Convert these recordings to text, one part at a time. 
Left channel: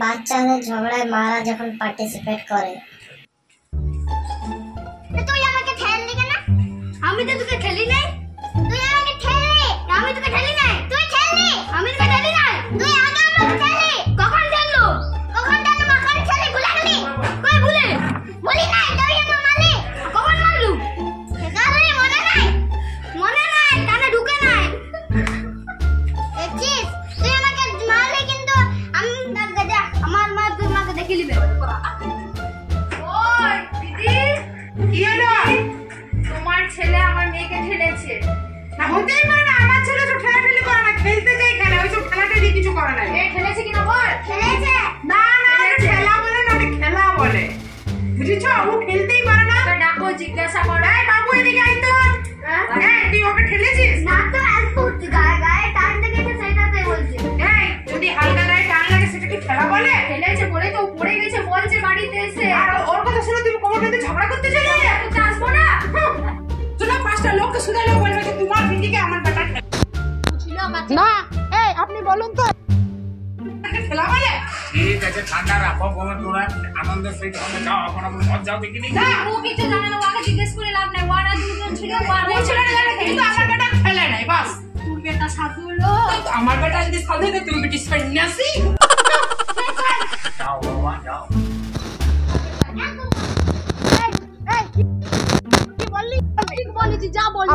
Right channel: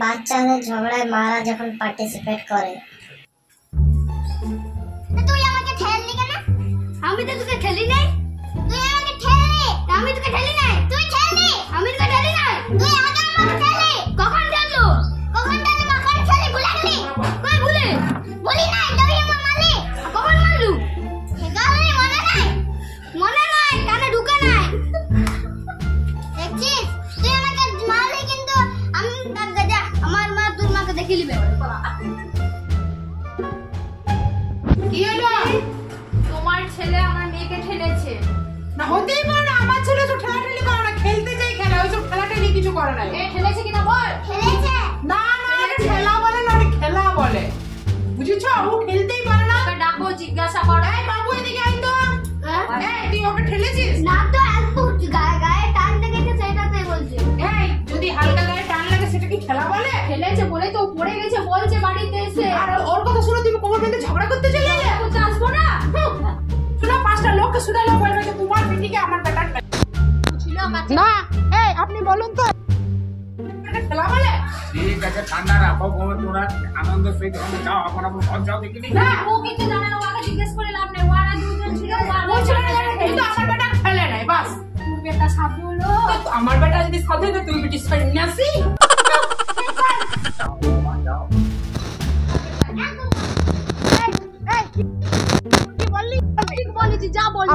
বাচ্চাদের ঝগড়ায় মারা যখন পার্টিসিপেট করে। তুই আমাকে ঠেললি কেন? আমি তো তোকে ঠেলি নাই। তুই আমাকে ঠেললি। আমি তোকে ঠেলি নাই। তুই ঠেললি। আমি তোকে ঠেলি নাই। তুই আগে আমাকে ঠেললি। কখন ঠেললো? কখন ঠেললো? কখন ঠেলি ভুলে গেলি? কই ভুলে? ভুলি নাই। তুই আমাকে মারলি। কখন মারলু? গালি মনে নাই। মনে নাই, কানে ঢুকে নাই। দেখছিস? তুই আমাকে মারলি কিন্তু আমি দাদা আমার মা তোর মাকে দেখে নিবে। ওই দিদি, কি হলো? তোমার ছেলে আমার মেয়েকে ঠেলেছে। না হতেই পারে না, আমার ছেলে তো ঠেলাঠেলি করে না, খেলতে যাই খেলা, ওইসব ঠেলাঠেলি কিছু করে না। এ ঠেলেছে কিনা বল। খেলেছে। না না, ওটা ঠেলা বলে না, ওটা খেলা বলে, বুঝেছো? ও খেলতেই পারে না। ওকে ডাকো, জিজ্ঞাসা করো। এই বাবু এদিকে আয় তো। এই তুই ওকে ঠেলেছিস? না তো অল্প গায়ে গায়ে টান লেগেছে সেটাতে বলছি। এই যদি হালকা গায়ে টান লাগে সেটা কি খেলা বলে? ঠেলেছে বলে তো ও পড়ে গেছে বলছে বাড়িতে এসে। আর ওর কথা শুনে তুমি কোমর বেঁধে ঝগড়া করতে চলে যাবে? করতে আসবো না। শুনো, 5টা লোককে শুনালে বলবে যে তোমার দিদিকে আমার বেটা ঠেলা। ছিল না, এই আপনি বলুন তো খেলা বলে? ঠিক আছে, ঠান্ডা রাখো, তোরা আনন্দ সহিত যাও, এখন আপনি ঘর যাও দেখিনি। ও কিছু জানে না, ওকে জিজ্ঞেস করে লাভ নাই। ওরা দুজন ছিল, ও ছেলে জানে কিন্তু আমার বেটা খেলে নাই, বাস। তোর বেটা সাধু হলো। আমার বেটা যদি সাধু হতো তুমি বেটি সন্ন্যাসী। যাও বাবা, যাও।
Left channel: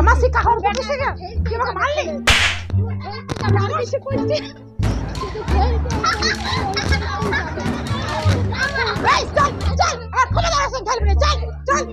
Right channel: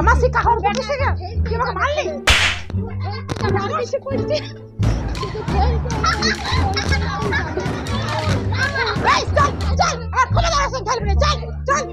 আমার শিক্ষা হওয়ার কথা শিখে কি আমাকে মারলি? আমি কিছু করছি। চল চল, আর কোন দাঁড়াস খেলবি না, চল চল।